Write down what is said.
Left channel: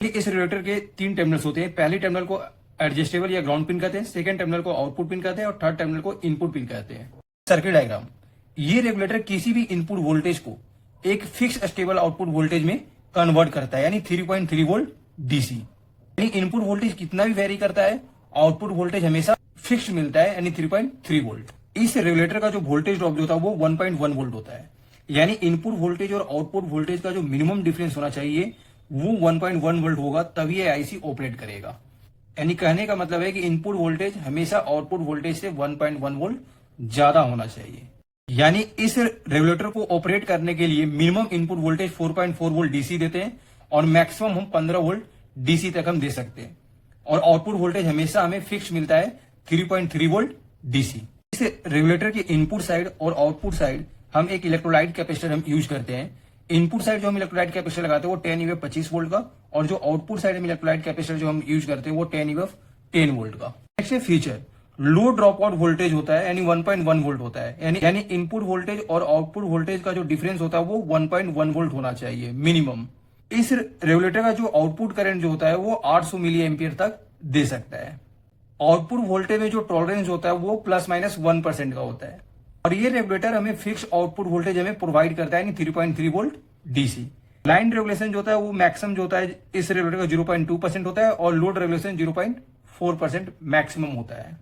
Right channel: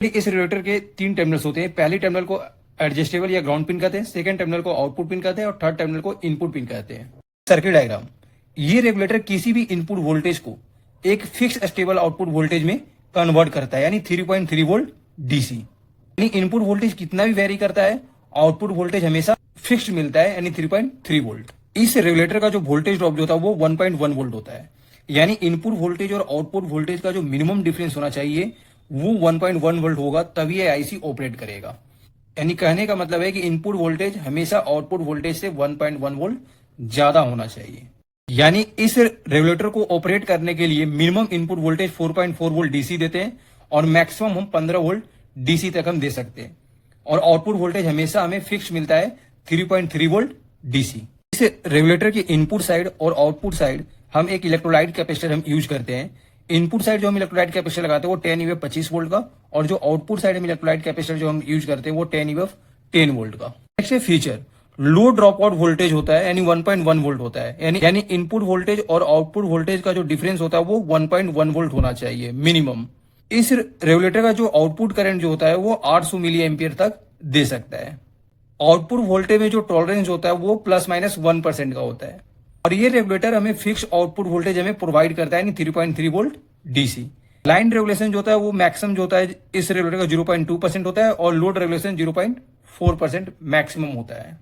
इस रेगुलेटर के 3 टर्मिनल्स होते हैं। पहले टर्मिनल को एडजस्टेबल या ग्राउंड पिन कहते हैं, सेकंड टर्मिनल को आउटपुट पिन कहते हैं और थर्ड टर्मिनल को इनपुट पिन कहते हैं। सर्किट डायग्राम, ये रेगुलेटर किसी भी इनपुट वोल्टेज को एक फिक्स स्टेबल आउटपुट वोल्टेज में कन्वर्ट करता है, यानी 3.3 वोल्ट डीसी। यानी इनपुट वोल्टेज कितना भी वेरी करता है, आउटपुट वोल्टेज हमेशा फिक्स्ड मिलता है, यानी 3.3 वोल्ट। इस रेगुलेटर का जो वोल्टेज ड्रॉप होता है वो 1.1 वोल्ट होता है। यानी इनपुट वोल्टेज और आउटपुट वोल्टेज का जो मिनिमम डिफरेंस होना चाहिए वो 1.1 वोल्ट होगा, तभी ये आईसी ऑपरेट करेगा। यानी कहने का मतलब है कि इनपुट वोल्टेज हमेशा आउटपुट वोल्टेज से 1.1 वोल्ट ज्यादा होना चाहिए। यानी इस रेगुलेटर को ऑपरेट करने के लिए minimum input voltage 4.4 volt DC देते हैं और मैक्सिमम हम 15 वोल्ट डीसी तक हम दे सकते हैं, और आउटपुट वोल्टेज हमेशा हमें फिक्स मिलता है 3.3 वोल्ट डीसी। इस रेगुलेटर की इनपुट साइड और आउटपुट साइड हम एक इलेक्ट्रोलाइट कैपेसिटर हम यूज करते हैं। इनपुट साइड जो हम इलेक्ट्रोलाइट कैपेसिटर लगाते हैं वो 10 EF 25 वोल्ट का, और जो आउटपुट साइड में इलेक्ट्रोलाइट कैपेसिटर जो हम यूज करते हैं वो 10 EF 10 वोल्ट का। नेक्स्ट फीचर, लो ड्रॉप आउट वोल्टेज होता है, यानी 1.1 वोल्ट होता है। यानी इनपुट वोल्टेज और आउटपुट वोल्टेज का जो डिफरेंस होता है वो 1.1 वोल्ट होना चाहिए मिनिमम। इस रेगुलेटर का जो आउटपुट करंट जो होता है वो 800 मिली एम्पियर तक दे सकता है। आउटपुट वोल्टेज में जो टॉलरेंस होता है वो ±1% का होता है, और ये रेगुलेटर हमें फिक्स आउटपुट वोल्टेज हमें प्रोवाइड करता है, यानी 3.3 वोल्ट डीसी। लाइन रेगुलेशन जो होता है वो मैक्सिमम जो होता है इस रेगुलेटर का 0.2% होता है, और लोड रेगुलेशन 0.4% मैक्सिमम होता है।